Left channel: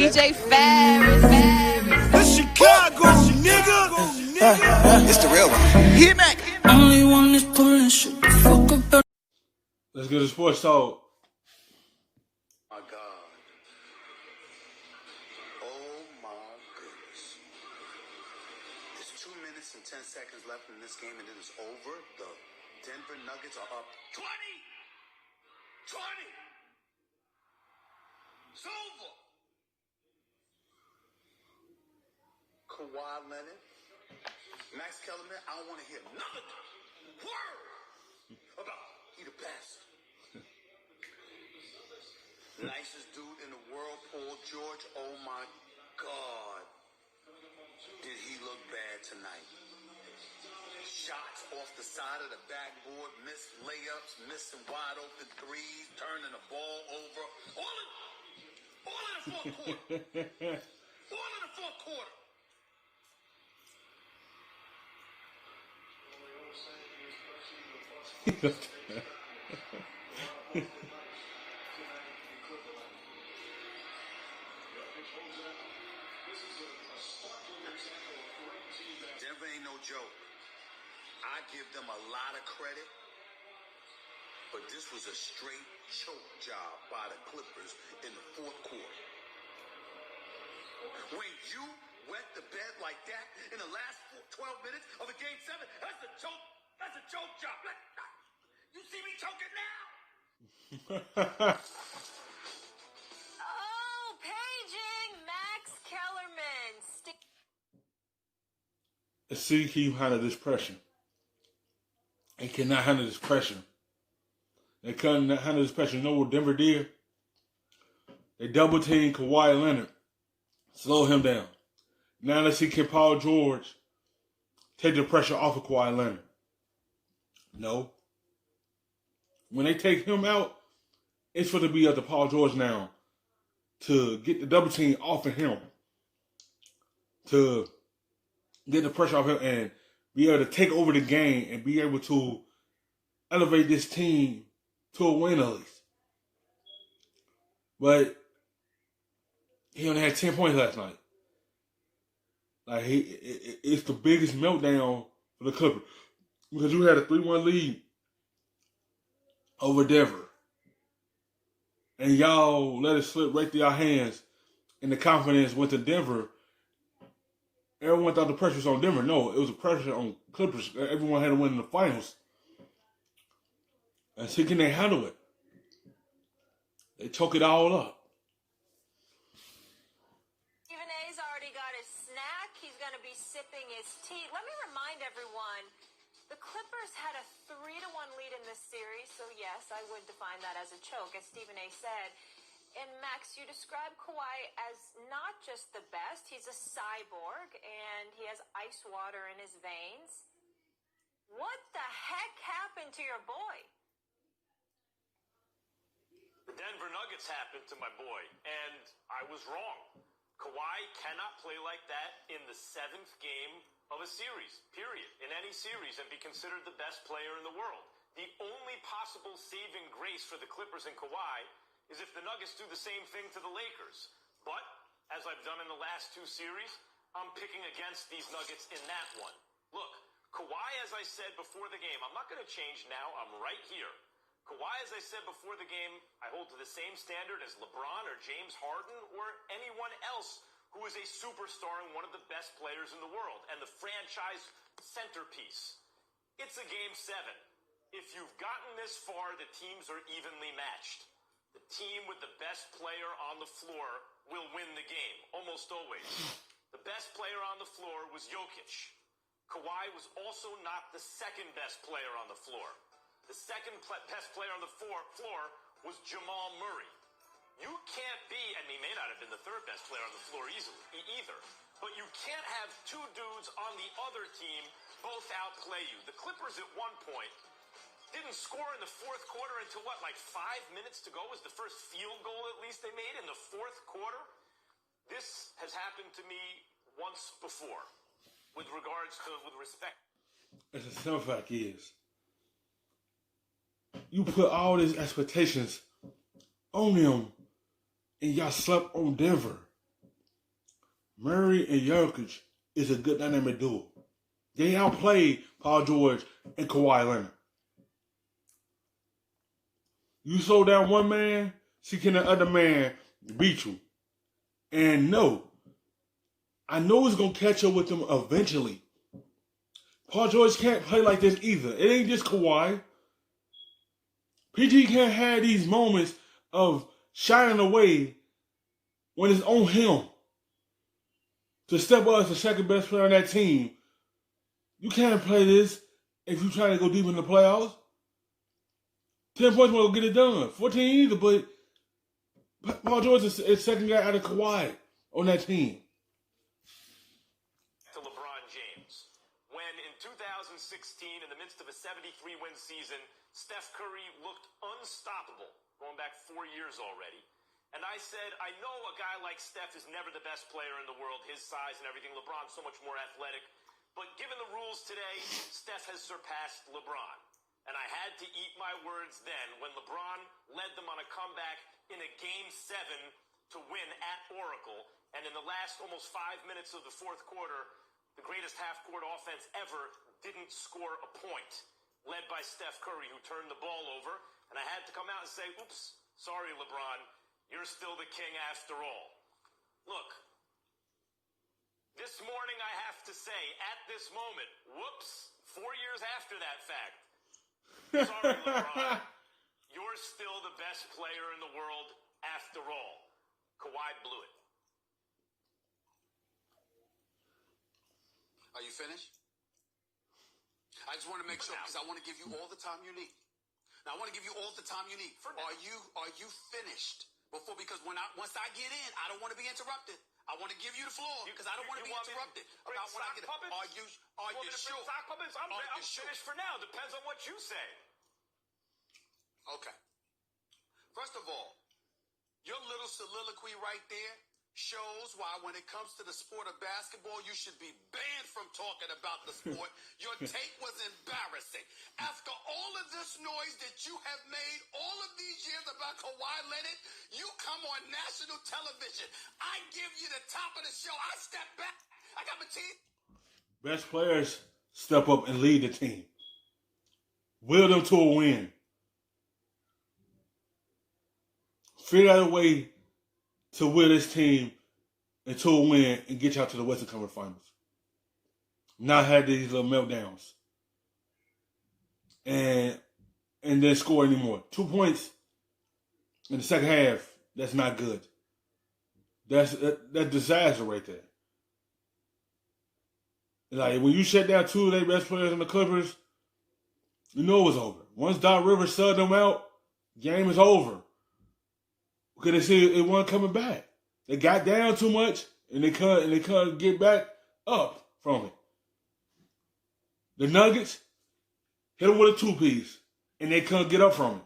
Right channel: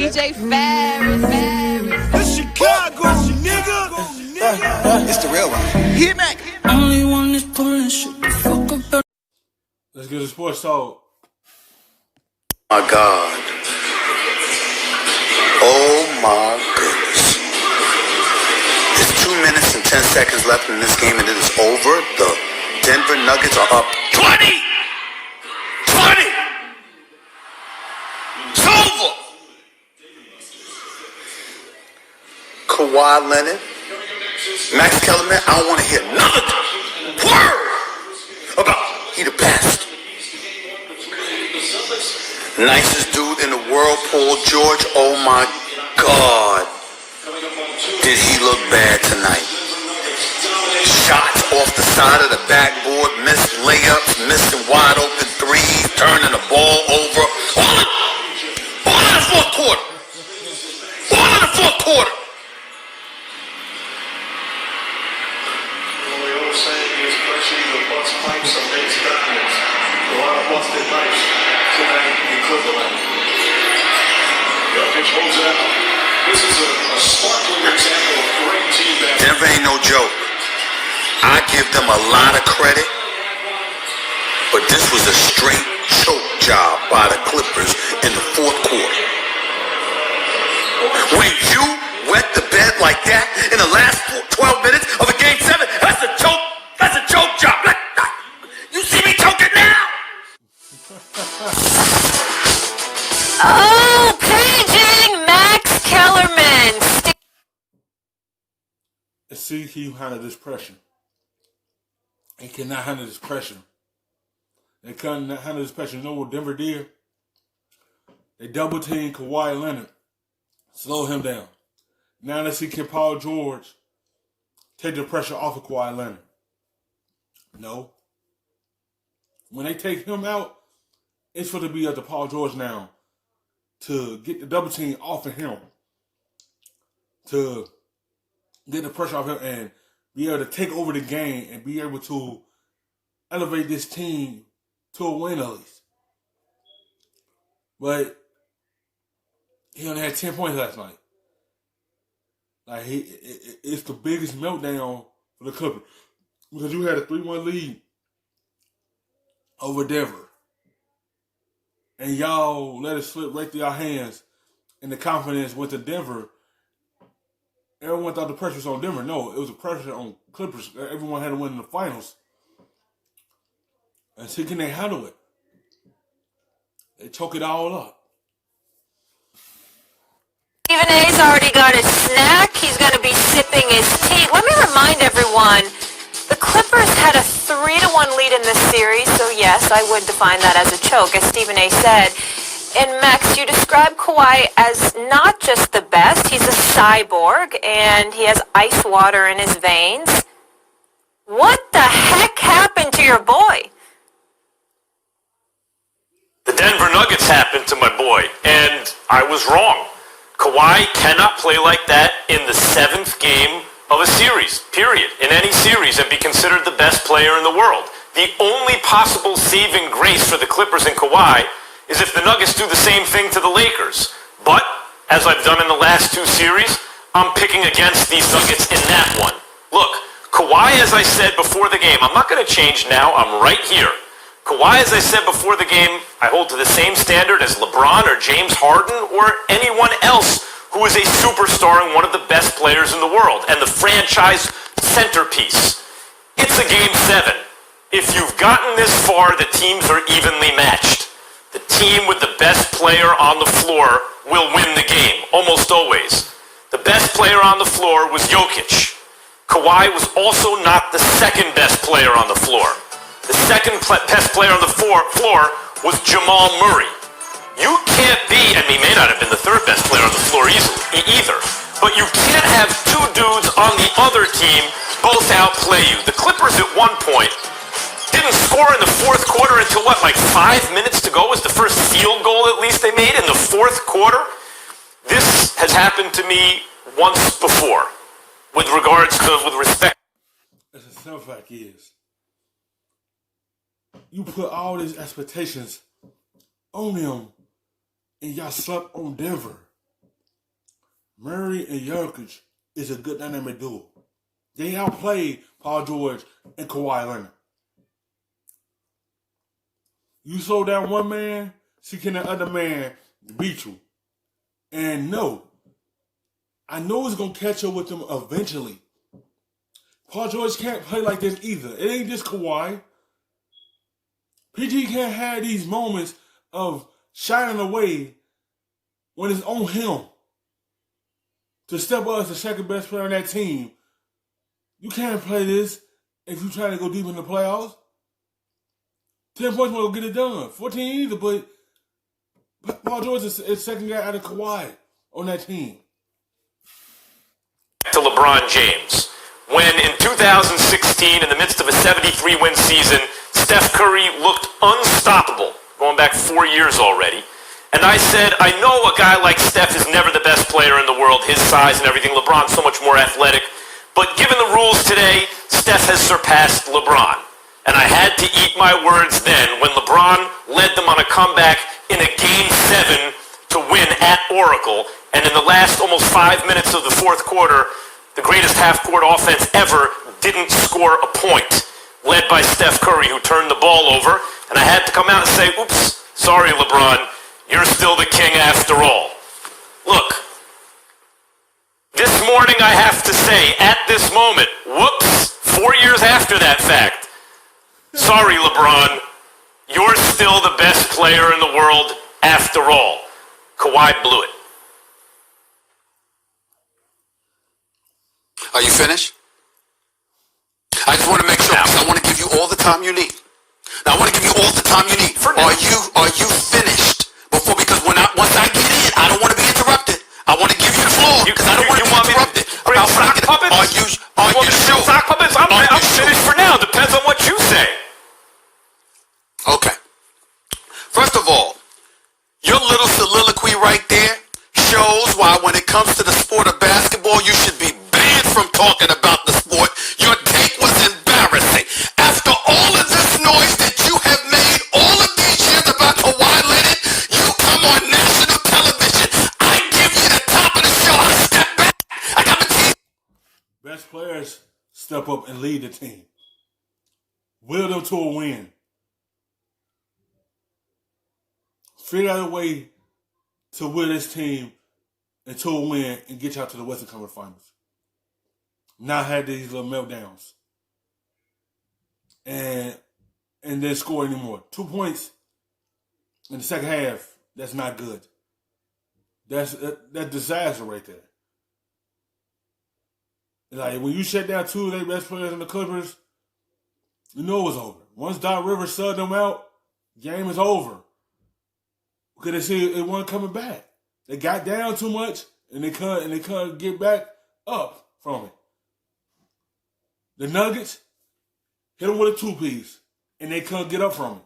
DJ Ferris. The Chicago, nigga. It's the real one. Hit me. Only one is pulling shit the fuck up. Let's get to sports talk. My God. Oh my goodness. There's 2 minutes and 10 seconds left in this game and it is over. The Denver Nuggets are up 20! It's over! Kawhi Leonard, Max Kellerman, I don't want to hear another word about he the best. Nicest dude in the world, Paul George. Oh my God. Did he look bad tonight? Shots off the side of the backboard, missed layups, missing wide open threes, turning the ball over. All in the fourth quarter. All in the fourth quarter. Well, we all saying is pressure the bus pipes against diamonds. A lot of busted pipes tonight in Cleveland. Jokic holds it out. This is a sparkling example of great team basketball. Denver ain't no joke. I give them a lot of credit, but this was a straight choke job by the Clippers in the fourth quarter. When you wet the bed like that in the last 12 minutes of a game 7, that's a choke. That's a choke job. You see me choking now? Oh, paging Max Kellerman. Let's see if he handle this pressure. He cannot handle this pressure. They cannot handle this pressure. You know what Denver did? They double teamed Kawhi Leonard. Slow him down. Now let's see, can Paul George take the pressure off of Kawhi Leonard? No. When they take him out, it's going to be up to Paul George now to get the double team off of him. To get the pressure off him and be able to take over the game and be able to elevate this team to a win at least. But he only had 10 points last night. Like it's the biggest meltdown for the Clippers because you had a 3-1 lead over Denver, and y'all let it slip right through your hands, and the confidence went to Denver. Everyone thought the pressure was on Denver. No, it was a pressure on Clippers. Everyone had to win in the finals. And see, can they handle it? They choke it all up. Stephen A's already got his snack. He's going to be sipping his tea. Let me remind everyone, the Clippers had a 3-1 lead in this series. So, yes, I would define that as a choke, as Stephen A said. And, Max, you describe Kawhi as not just the best. He's a cyborg, and he has ice water in his veins. What the heck happened to your boy? The Denver Nuggets happened to my boy, and I was wrong. Kawhi cannot play like that in the 7th game of a series, period, in any series, and be considered the best player in the world. The only possible saving grace for the Clippers and Kawhi is if the Nuggets do the same thing to the Lakers. But, as I've done in the last 2 series, I'm picking against these Nuggets in that one. Look, Kawhi, as I said before the game, I'm not going to change now, I'm right here. Kawhi, as I said before the game, I hold to the same standard as LeBron or James Harden or anyone else who is a superstar and one of the best players in the world and the franchise centerpiece. It's a game 7. If you've gotten this far, the teams are evenly matched. The team with the best player on the floor will win the game, almost always. The best player on the floor was Jokic. Kawhi was also not the second best player on the floor. The second best player on the floor was Jamal Murray. You can't be, and he may not have been the third best player on the floor either, but you can't have 2 dudes on the other team both outplay you. The Clippers at one point didn't score in the fourth quarter until like 5 minutes to go was the first field goal at least they made in the fourth quarter. This has happened to me once before with respect. As a simple fact is, you put all these expectations on them, and y'all slept on Denver. Murray and Jokic is a good dynamic duo. They outplayed Paul George and Kawhi Leonard. You slow down one man, see can the other man beat you. And no, I know it's going to catch up with them eventually. Paul George can't play like this either. It ain't just Kawhi. PG can't have these moments of shining away when it's on him to step up as the second best player on that team. You can't play this if you're trying to go deep in the playoffs. 10 points won't get it done. 14 either, but Paul George is second guy out of Kawhi on that team. To LeBron James. When in 2016, in the midst of a 73-win season, Steph Curry looked unstoppable, going back 4 years already. And I said, I know a guy like Steph is never the best player in the world, his size and everything. LeBron's so much more athletic. But given the rules today, Steph has surpassed LeBron. And I had to eat my words then when LeBron led them on a comeback in a Game 7 to win at Oracle. And in the last almost 5 minutes of the fourth quarter, the greatest half-court offense ever didn't score a point, led by Steph Curry, who turned the ball over. And I had to come out and say, oops, sorry, LeBron, you're still the king after all. Look, this morning I have to say, at this moment, whoops, 4 years after that fact, sorry, LeBron, you're still the best player in the world after all. Kawhi blew it. Are you finished? I just want to make sure, because I want to give you all the time you need. Now, I want to give you all the time you need. Are you finished? Because once I get in, I don't want to be interrupted. I want to give you the floor, because I don't want to be interrupted. Bring sock puppets? Are you sure? Sock puppets? I'm finished for now. Depends on what you say. Okay. First of all, your little soliloquy right there shows why when it comes to the sport of basketball, you should be banned from talking about the sport. Your take was embarrassing. After all of this noise that you have made all of these years about Kawhi Leonard, you come on national television. I give you the top of the show. I step back. I got the team. Best players step up and lead the team. Will them to a win. Figure out a way to will this team into a win and get y'all to the Western Conference Finals. Not have these little meltdowns. And then score anymore. 2 points in the second half, that's not good. That's disaster right there. Like, when you shut down two of their best players in the Clippers, you know it was over. Once Doc Rivers subbed them out, game is over. Because they see it wasn't coming back. They got down too much, and they couldn't get back up from it. The Nuggets hit them with a two-piece, and they couldn't get up from it.